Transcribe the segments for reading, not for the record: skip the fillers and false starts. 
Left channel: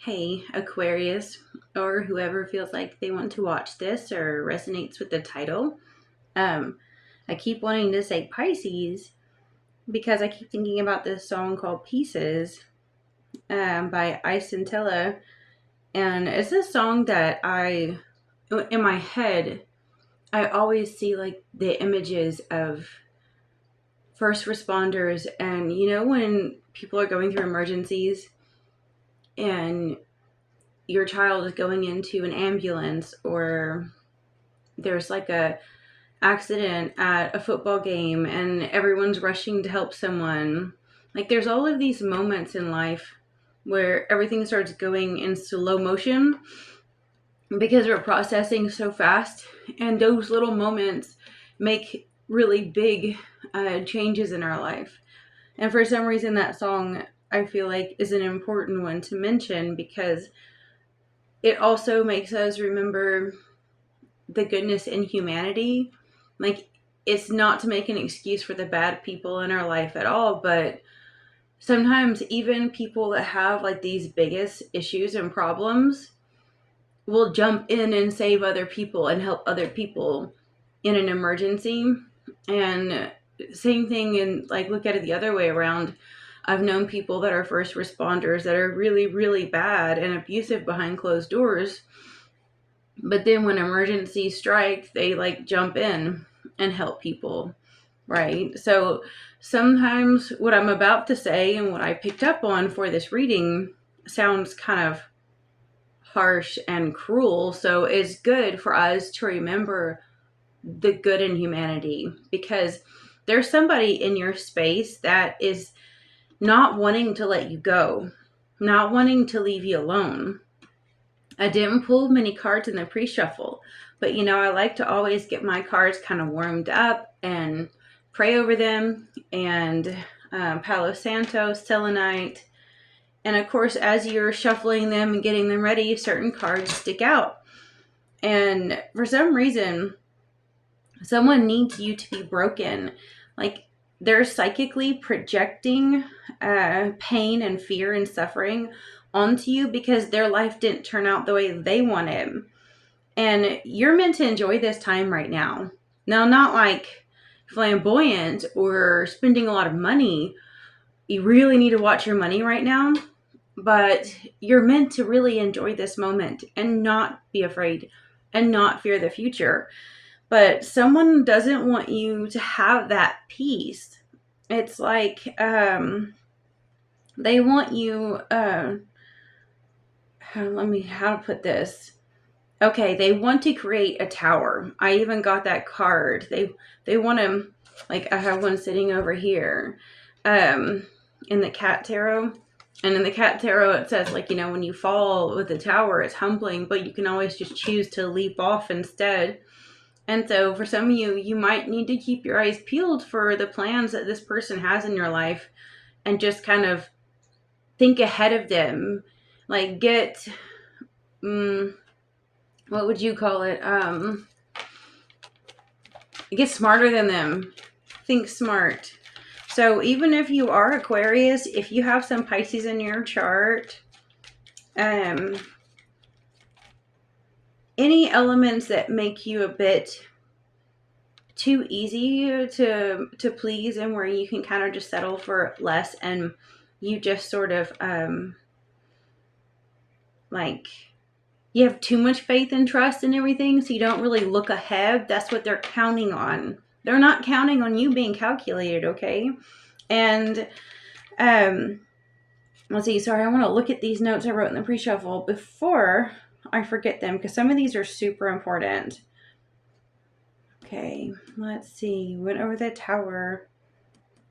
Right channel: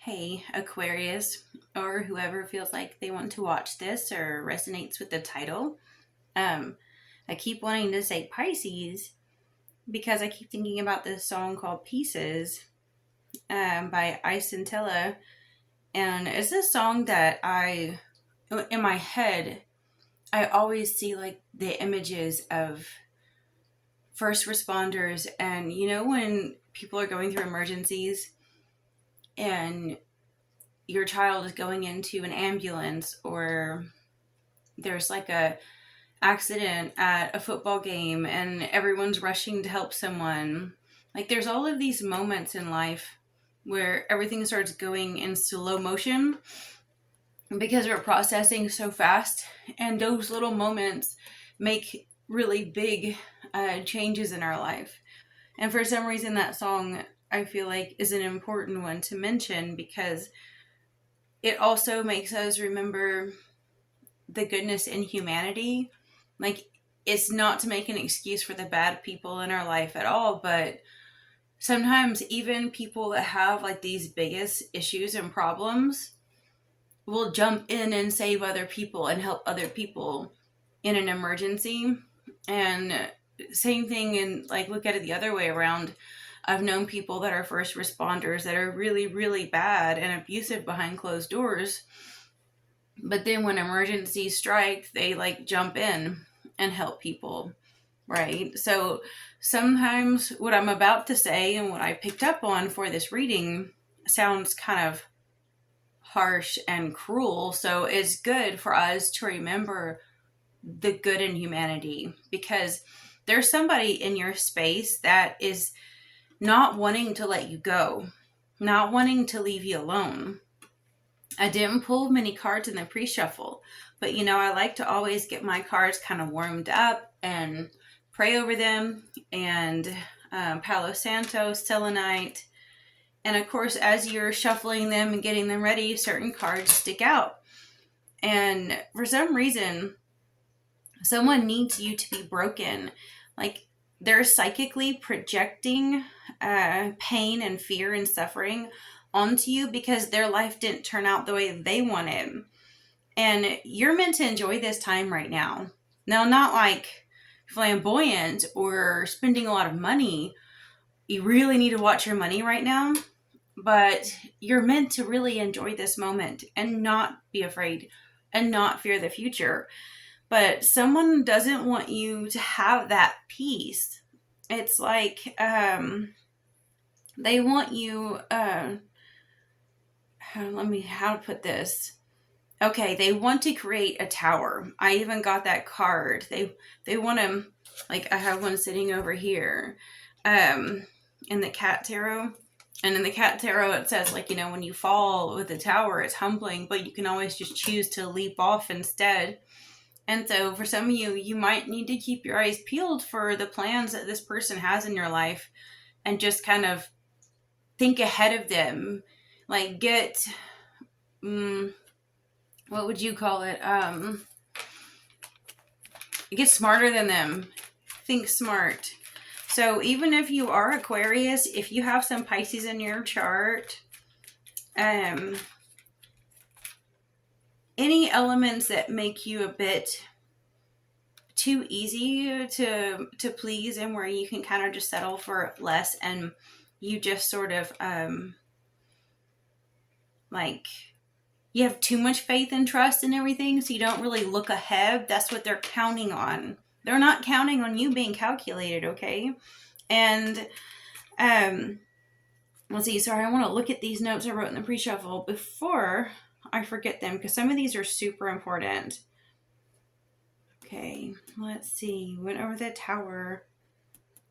Hey, Aquarius, or whoever feels like they want to watch this or resonates with the title. Um, I keep wanting to say Pisces because I keep thinking about this song called Pieces by Isentella. And it's a song that in my head, I always see like the images of first responders. And when people are going through emergencies and your child is going into an ambulance, or there's like a accident at a football game and everyone's rushing to help someone. Like there's all of these moments in life where everything starts going in slow motion because we're processing so fast, and those little moments make really big changes in our life. And for some reason that song, I feel like, is an important one to mention because it also makes us remember the goodness in humanity. Like, it's not to make an excuse for the bad people in our life at all, but sometimes even people that have like these biggest issues and problems will jump in and save other people and help other people in an emergency. And same thing, and like look at it the other way around. I've known people that are first responders that are really, really bad and abusive behind closed doors, but then when emergencies strike, they like jump in and help people, right? So sometimes what I'm about to say and what I picked up on for this reading sounds kind of harsh and cruel. So it's good for us to remember the good in humanity, because there's somebody in your space that is not wanting to let you go, not wanting to leave you alone. I didn't pull many cards in the pre-shuffle, but I like to always get my cards kind of warmed up and pray over them, and Palo Santo, selenite. And of course, as you're shuffling them and getting them ready, certain cards stick out. And for some reason, someone needs you to be broken. Like, they're psychically projecting pain and fear and suffering onto you because their life didn't turn out the way they wanted. And you're meant to enjoy this time right now. Now, not like flamboyant or spending a lot of money. You really need to watch your money right now. But you're meant to really enjoy this moment and not be afraid and not fear the future. But someone doesn't want you to have that peace. It's like they want you. How to put this? Okay, they want to create a tower. I even got that card. They want to, like, I have one sitting over here, in the cat tarot. And in the cat tarot, it says, like, when you fall with a tower, it's humbling, but you can always just choose to leap off instead. And so for some of you, you might need to keep your eyes peeled for the plans that this person has in your life and just kind of think ahead of them. Like, what would you call it? Get smarter than them. Think smart. So even if you are Aquarius, if you have some Pisces in your chart, any elements that make you a bit too easy to please, and where you can kind of just settle for less, and you just sort of like, you have too much faith and trust in everything, so you don't really look ahead. That's what they're counting on. They're not counting on you being calculated, okay? And let's see. Sorry, I want to look at these notes I wrote in the pre-shuffle before I forget them, because some of these are super important. Okay, let's see. Went over the tower.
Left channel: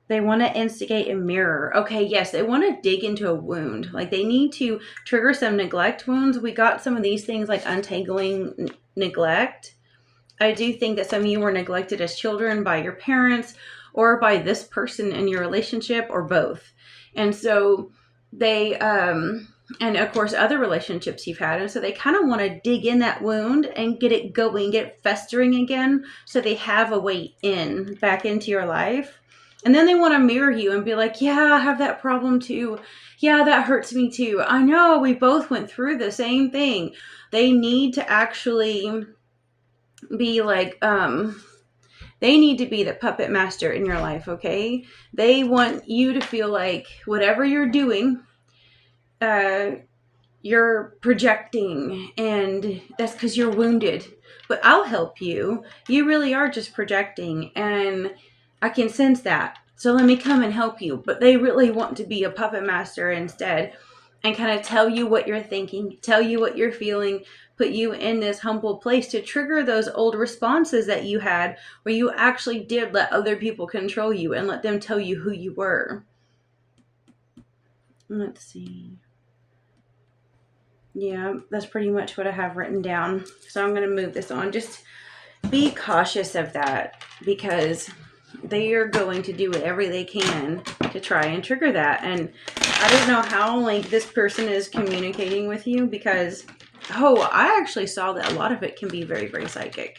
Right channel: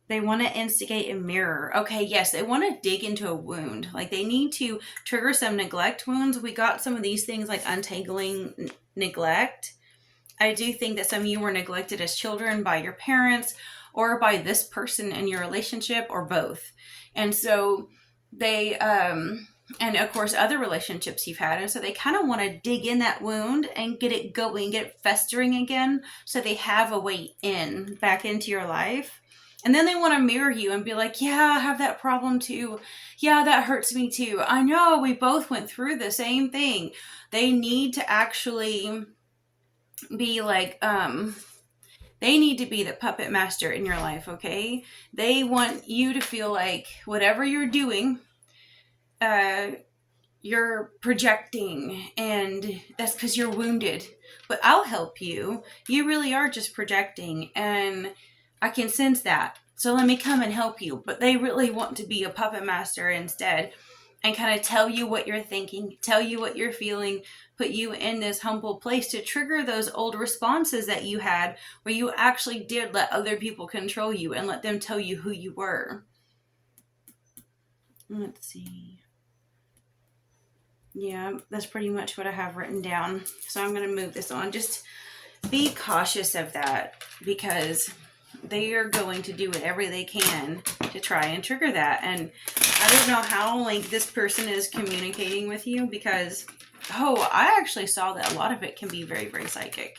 They want to instigate a mirror. Okay, yes, they want to dig into a wound. Like, they need to trigger some neglect wounds. We got some of these things like untangling neglect. I do think that some of you were neglected as children by your parents or by this person in your relationship, or both. And so they, and of course, other relationships you've had. And so they kind of want to dig in that wound and get it going, get it festering again, so they have a way in back into your life. And then they want to mirror you and be like, yeah, I have that problem too. Yeah, that hurts me too. I know, we both went through the same thing. They need to actually be like, they need to be the puppet master in your life, okay? They want you to feel like whatever you're doing, you're projecting, and that's because you're wounded. But I'll help you. You really are just projecting, and I can sense that. So let me come and help you. But they really want to be a puppet master instead and kind of tell you what you're thinking, tell you what you're feeling, put you in this humble place to trigger those old responses that you had where you actually did let other people control you and let them tell you who you were. Let's see. Yeah, that's pretty much what I have written down. So I'm going to move this on. Just be cautious of that, because they are going to do whatever they can to try and trigger that. And I don't know how like this person is communicating with you, because I actually saw that a lot of it can be very, very psychic.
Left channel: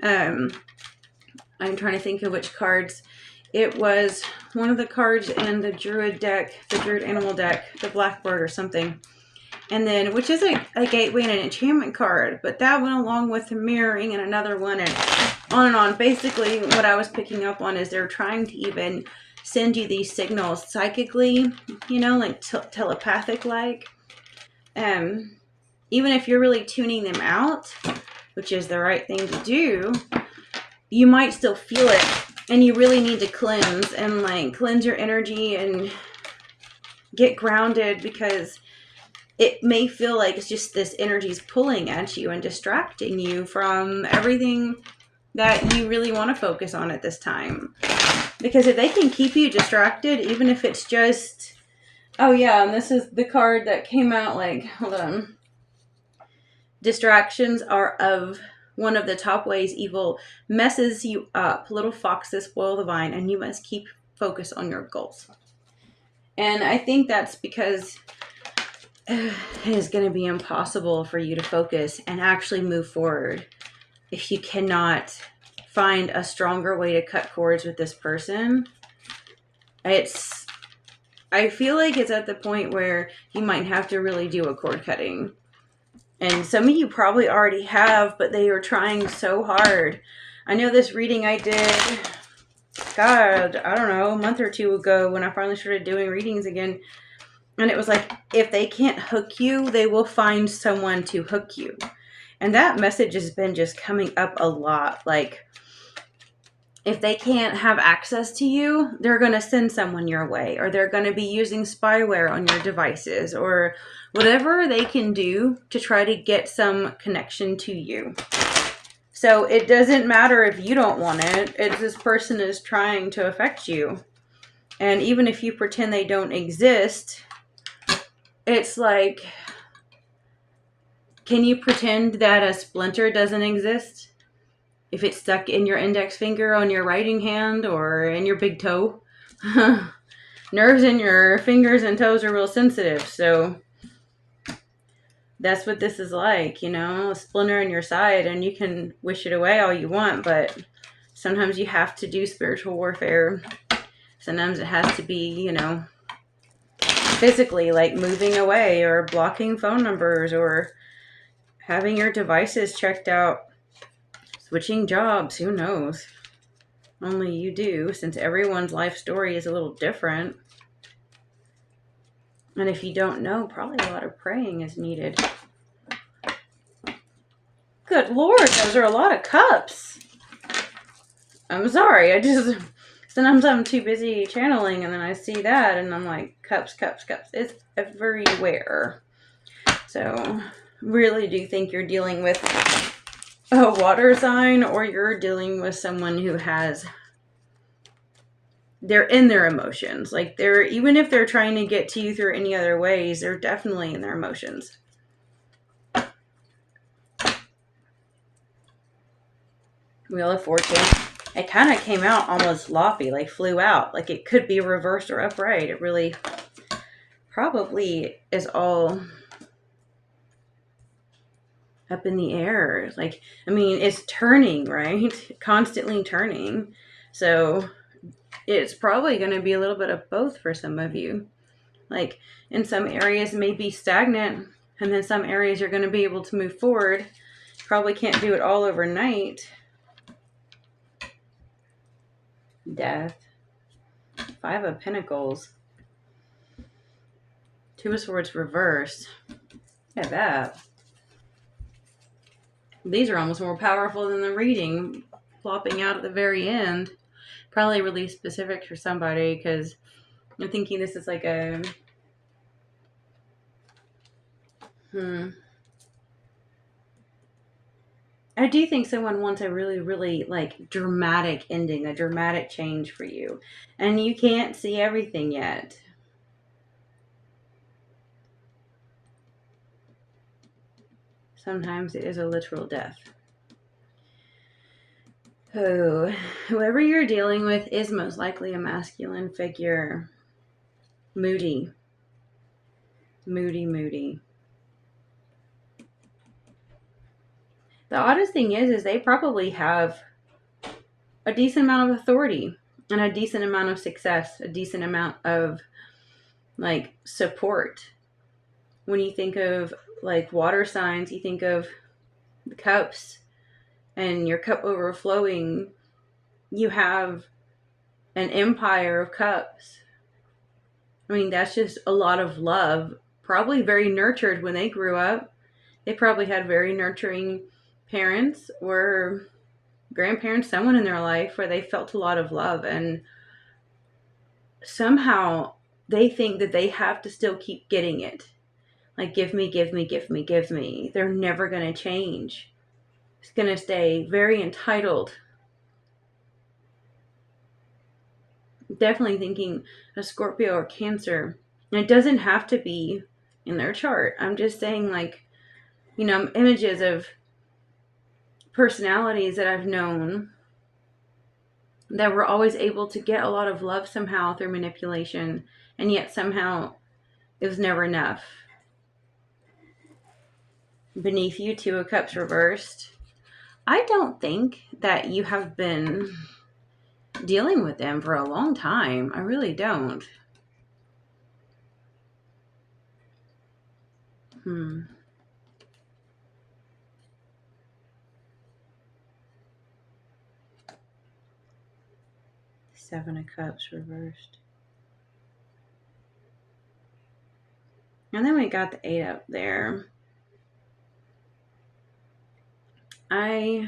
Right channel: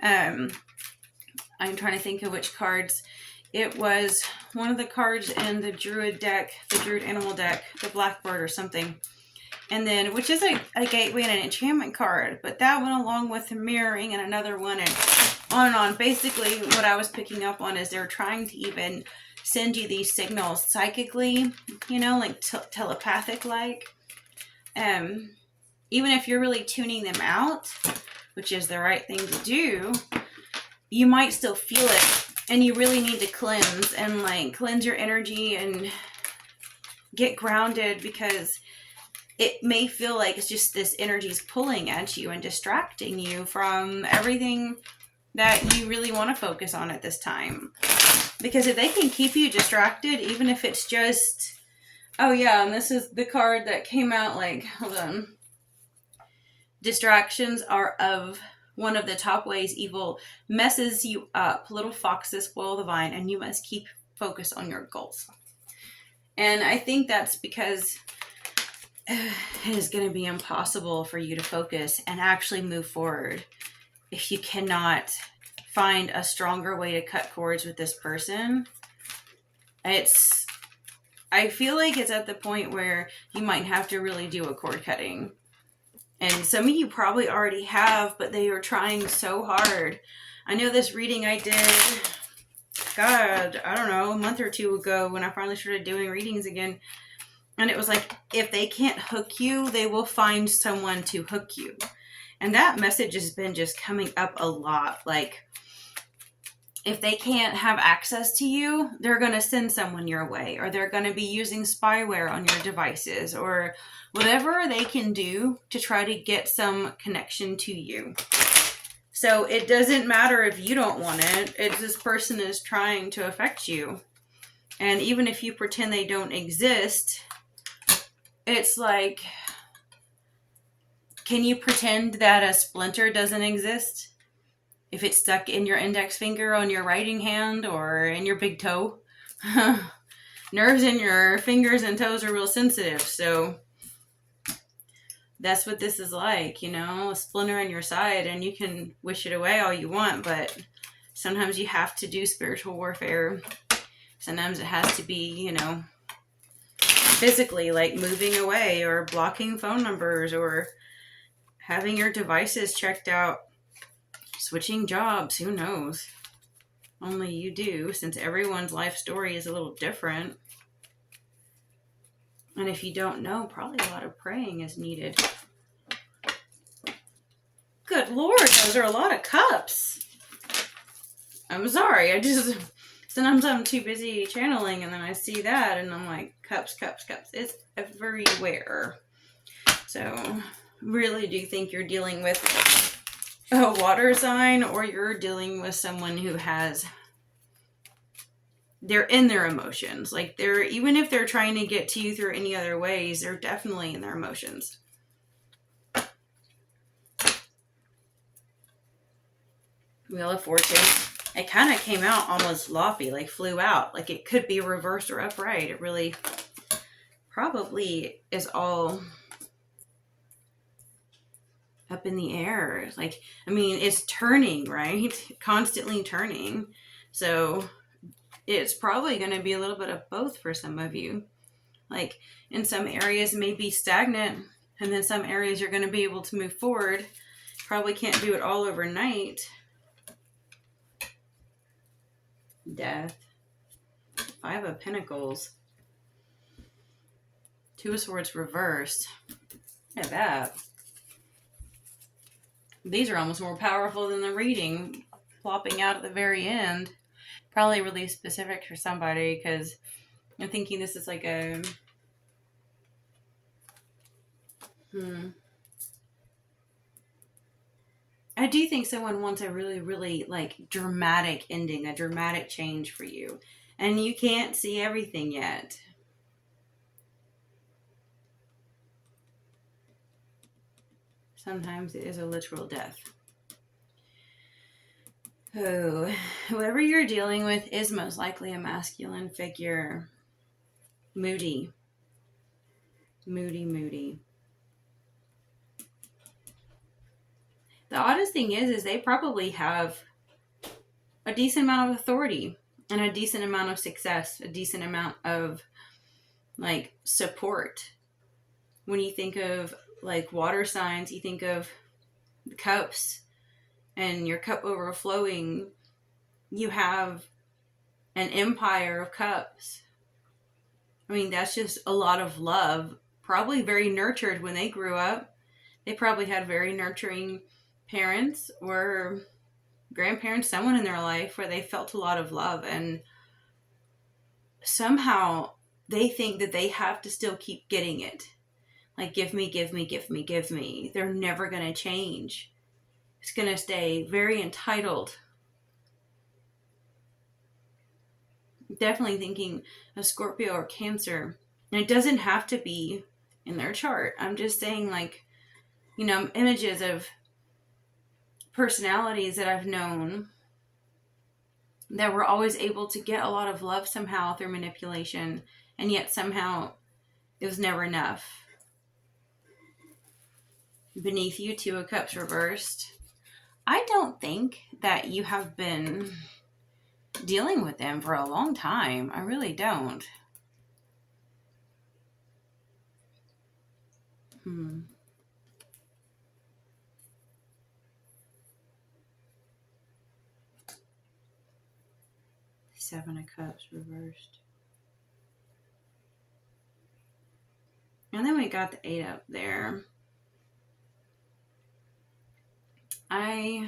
I'm trying to think of which cards. It was one of the cards in the Druid deck, the Druid animal deck, the Blackbird or something. And then, which is a gateway and an enchantment card, but that went along with the mirroring and another one, and on and on. Basically, what I was picking up on is they're trying to even send you these signals psychically, you know, like telepathic like. Even if you're really tuning them out, which is the right thing to do, you might still feel it, and you really need to cleanse and like cleanse your energy and get grounded, because it may feel like it's just this energy's pulling at you and distracting you from everything that you really want to focus on at this time. Because if they can keep you distracted, even if it's just, oh yeah, and this is the card that came out, like, hold on. Distractions are of one of the top ways evil messes you up. Little foxes spoil the vine, and you must keep focus on your goals. And I think that's because it is going to be impossible for you to focus and actually move forward if you cannot find a stronger way to cut cords with this person. I feel like it's at the point where you might have to really do a cord cutting. And some of you probably already have, but they are trying so hard. I know this reading I did, God, I don't know, a month or two ago when I finally started doing readings again. And it was like, if they can't hook you, they will find someone to hook you. And that message has been just coming up a lot. Like, if they can't have access to you, they're going to send someone your way, or they're going to be using spyware on your devices, or whatever they can do to try to get some connection to you. So it doesn't matter if you don't want it. It's this person is trying to affect you. And even if you pretend they don't exist, it's like, can you pretend that a splinter doesn't exist? If it's stuck in your index finger on your writing hand or in your big toe. Nerves in your fingers and toes are real sensitive, so that's what this is like, you know, a splinter in your side, and you can wish it away all you want, but sometimes you have to do spiritual warfare. Sometimes it has to be, you know, physically, like moving away or blocking phone numbers or having your devices checked out, switching jobs, who knows? Only you do, since everyone's life story is a little different. And if you don't know, probably a lot of praying is needed. Good Lord, those are a lot of cups. I'm sorry, sometimes I'm too busy channeling and then I see that and I'm like, cups. It's everywhere. So, really do think you're dealing with a water sign, or you're dealing with someone who they're in their emotions. Like, even if they're trying to get to you through any other ways, they're definitely in their emotions. Wheel of Fortune. It kind of came out almost loppy, like flew out. Like it could be reversed or upright. It really probably is all up in the air. Like, I mean, it's turning, right? Constantly turning. So it's probably going to be a little bit of both for some of you. Like in some areas may be stagnant, and then some areas you're going to be able to move forward. Probably can't do it all overnight. Death. 5 of Pentacles. 2 of Swords reversed. Look at that. These are almost more powerful than the reading plopping out at the very end. Probably really specific for somebody, because I'm thinking this is like a... I do think someone wants a really, really like dramatic ending, a dramatic change for you. And you can't see everything yet. Sometimes it is a literal death. Oh, whoever you're dealing with is most likely a masculine figure. Moody. Moody, moody. The oddest thing is they probably have a decent amount of authority and a decent amount of success, a decent amount of like support. When you think of like water signs, you think of the cups and your cup overflowing. You have an empire of cups. I mean, that's just a lot of love. Probably very nurtured when they grew up. They probably had very nurturing parents or grandparents, someone in their life where they felt a lot of love, and somehow they think that they have to still keep getting it. Like, give me, give me, give me, give me. They're never going to change. It's going to stay very entitled. Definitely thinking a Scorpio or Cancer. And it doesn't have to be in their chart. I'm just saying, like, you know, images of personalities that I've known that were always able to get a lot of love somehow through manipulation, and yet somehow it was never enough. Beneath you, 2 of Cups reversed. I don't think that you have been dealing with them for a long time. I really don't. 7 of Cups reversed. And then we got the 8 up there. I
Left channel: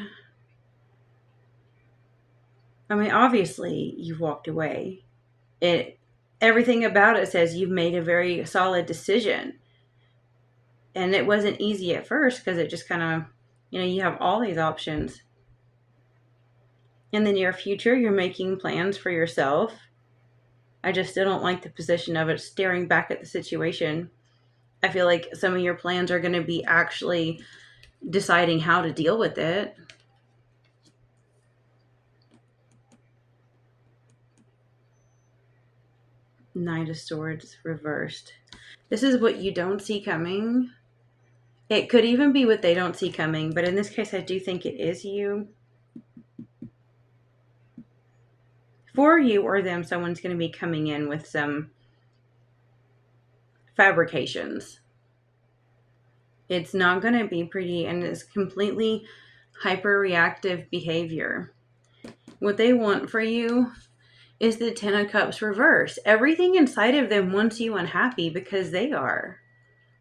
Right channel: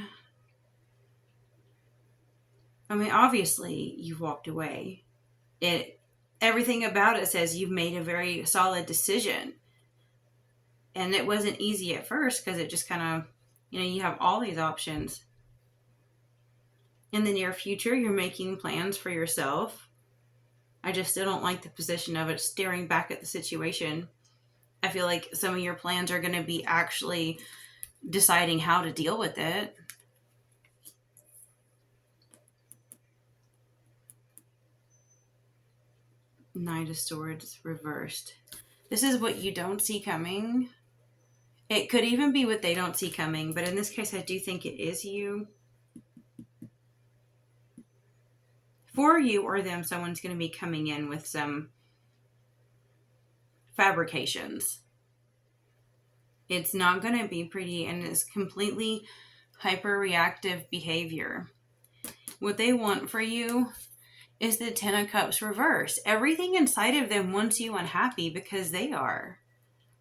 mean, obviously you've walked away. Everything about it says you've made a very solid decision. And it wasn't easy at first because it just kind of, you know, you have all these options. In the near future, you're making plans for yourself. I just still don't like the position of it, staring back at the situation. I feel like some of your plans are going to be actually deciding how to deal with it. Knight of Swords reversed. This is what you don't see coming. It could even be what they don't see coming, but in this case, I do think it is you. For you or them, someone's going to be coming in with some fabrications. It's not going to be pretty, and it's completely hyper-reactive behavior. What they want for you is the 10 of Cups reverse. Everything inside of them wants you unhappy because they are.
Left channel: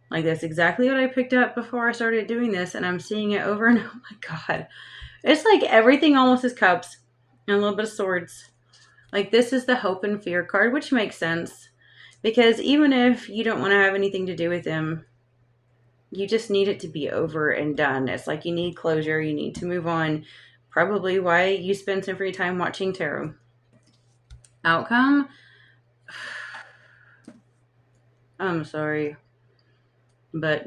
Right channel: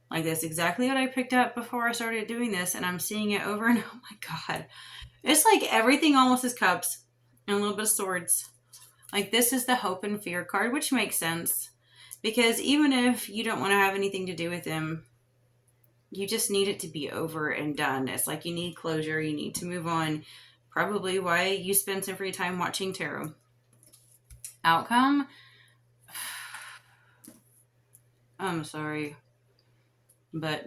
Like, that's exactly what I picked up before I started doing this, and I'm seeing it over and oh my god. It's like everything almost is cups and a little bit of swords. Like, this is the hope and fear card, which makes sense. Because even if you don't want to have anything to do with them, you just need it to be over and done. It's like you need closure. You need to move on. Probably why you spend some free time watching tarot. Outcome? I'm sorry. But,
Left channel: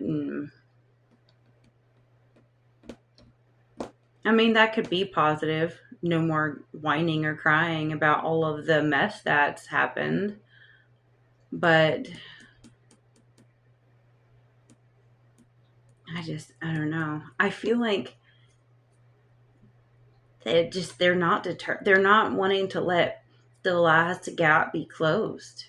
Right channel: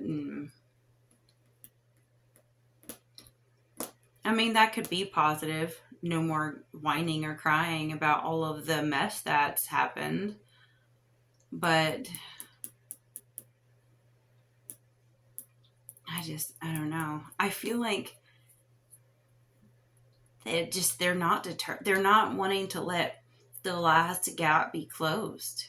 I mean, that could be positive. No more whining or crying about all of the mess that's happened. But I don't know. I feel like they're not wanting to let the last gap be closed.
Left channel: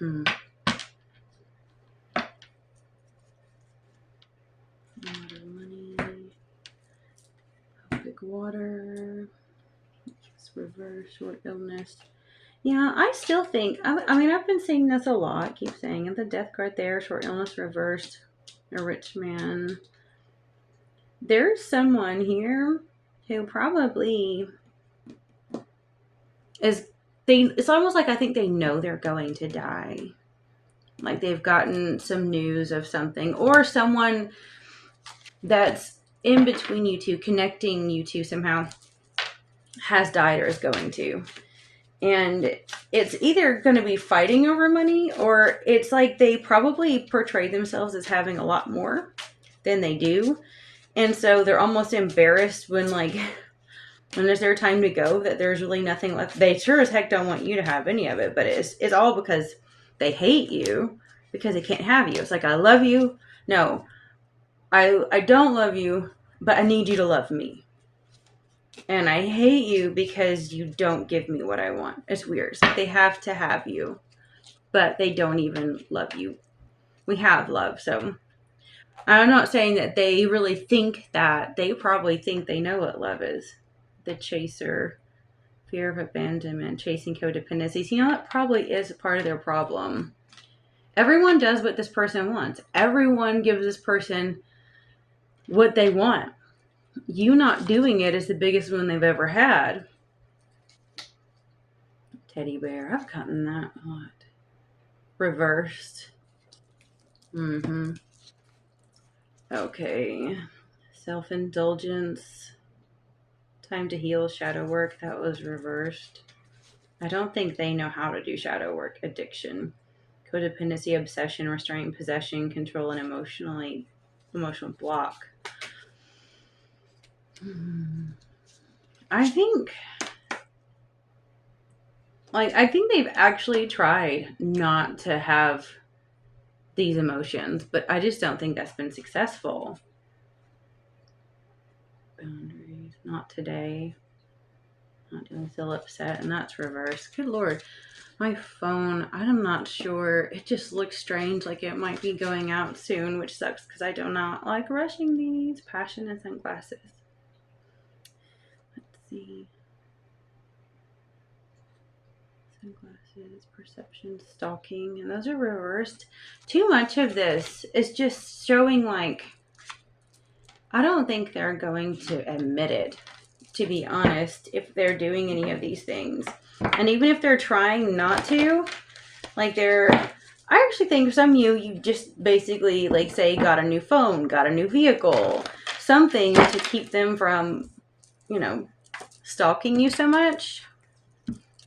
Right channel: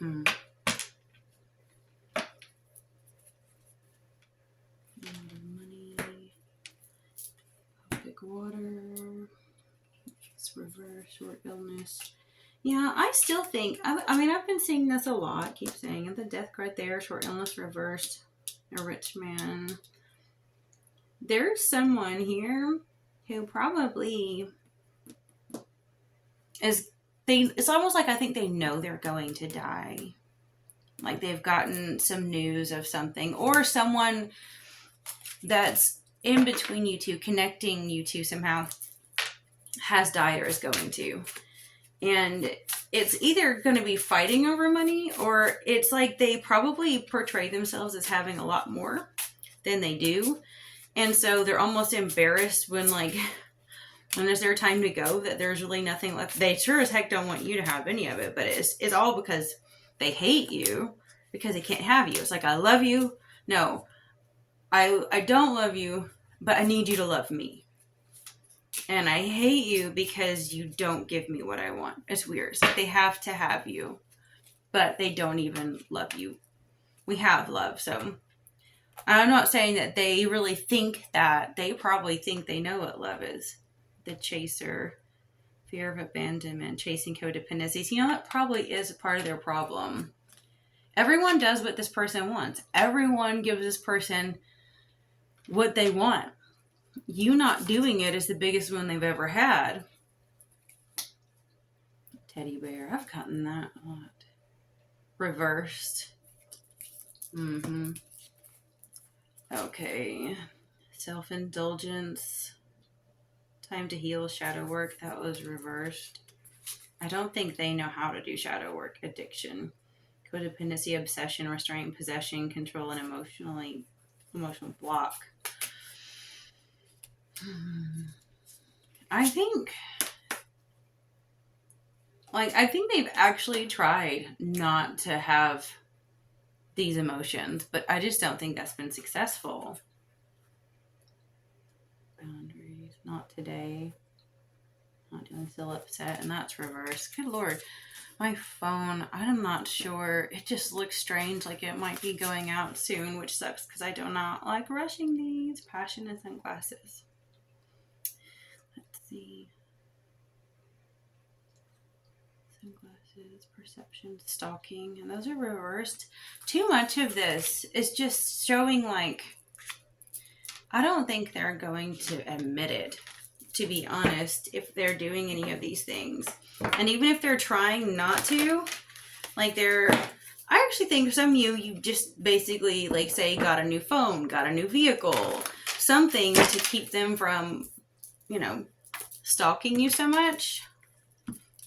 Money, big water, it's reverse, short illness. Yeah, I still think, I mean, I've been saying this a lot, keep saying it, the death card there, short illness reversed, a rich man. There's someone here who probably it's almost like I think they know they're going to die. Like they've gotten some news of something, or someone that's in between you two, connecting you two somehow, has died or is going to. And it's either going to be fighting over money, or it's like they probably portray themselves as having a lot more than they do. And so they're almost embarrassed when it's their time to go, that there's really nothing left. They sure as heck don't want you to have any of it, but it's all because they hate you, because they can't have you. It's like, I love you. No, I don't love you, but I need you to love me. And I hate you because you don't give me what I want. It's weird. It's like they have to have you, but they don't even love you. We have love, so. And I'm not saying that they really think that. They probably think they know what love is. The chaser, fear of abandonment, chasing codependencies. You know, that probably is part of their problem. Everyone does what this person wants. Everyone gives this person what they want. You not doing it is the biggest one they've ever had. Teddy bear. I've gotten that a lot. Reversed. Okay. Self-indulgence. Time to heal. Shadow work. That was reversed. I don't think they know how to do shadow work. Addiction. Codependency, obsession, restraint, possession, control, and emotional block. I think they've actually tried not to have these emotions, but I just don't think that's been successful. Boundaries, not today. Not doing, still upset, and that's reversed. Good Lord. My phone, I'm not sure. It just looks strange, like it might be going out soon, which sucks because I do not like rushing these. Passion and sunglasses. Let's see. Sunglasses, perception, stalking, and those are reversed. Too much of this is just showing I don't think they're going to admit it, to be honest, if they're doing any of these things. And even if they're trying not to, I actually think some of you just basically, say, got a new phone, got a new vehicle, something to keep them from, stalking you so much.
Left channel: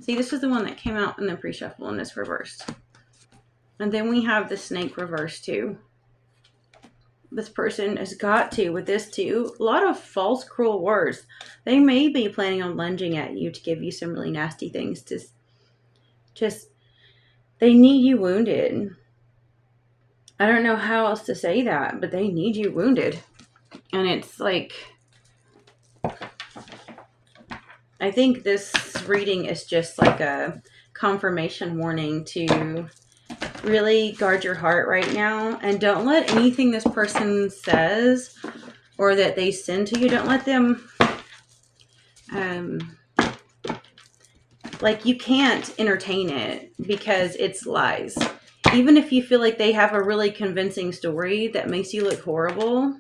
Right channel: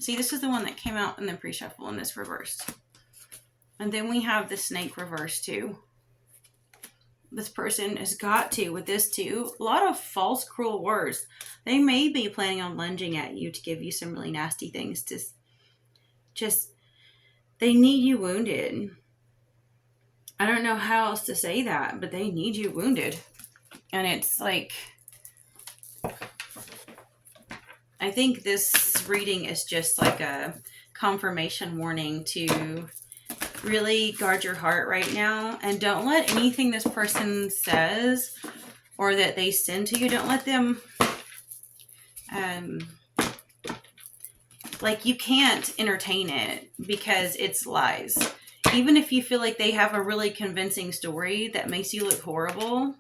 See, this is the one that came out in the pre-shuffle, and this reversed. And then we have the snake reversed too. This person has got to, with this too, a lot of false, cruel words. They may be planning on lunging at you to give you some really nasty things to they need you wounded. I don't know how else to say that, but they need you wounded. And it's I think this reading is just a confirmation warning to really guard your heart right now, and don't let anything this person says or that they send to you, don't let them you can't entertain it because it's lies. Even if you feel like they have a really convincing story that makes you look horrible.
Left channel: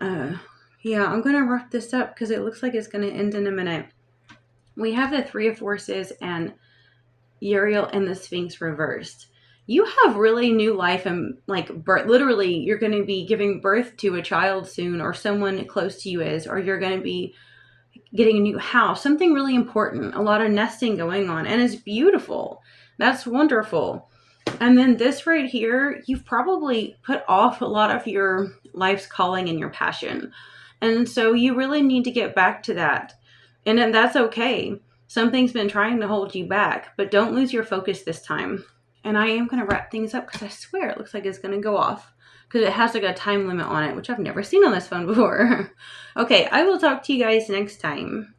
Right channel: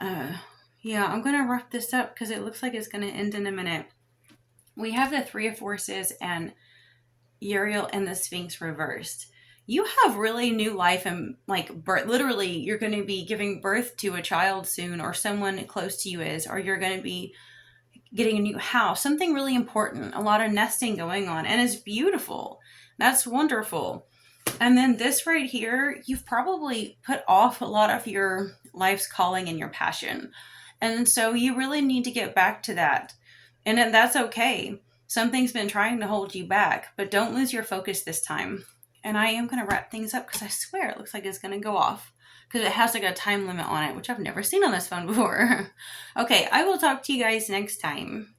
Yeah, I'm gonna wrap this up because it looks like it's gonna end in a minute. We have the Three of Forces and Uriel and the Sphinx reversed. You have really new life and birth. Literally, you're going to be giving birth to a child soon, or someone close to you is, or you're going to be getting a new house, something really important, a lot of nesting going on, and it's beautiful. That's wonderful. And then this right here, you've probably put off a lot of your life's calling and your passion. And so you really need to get back to that. And then that's okay. Something's been trying to hold you back, but don't lose your focus this time. And I am going to wrap things up because I swear it looks like it's going to go off because it has like a time limit on it, which I've never seen on this phone before. Okay, I will talk to you guys next time.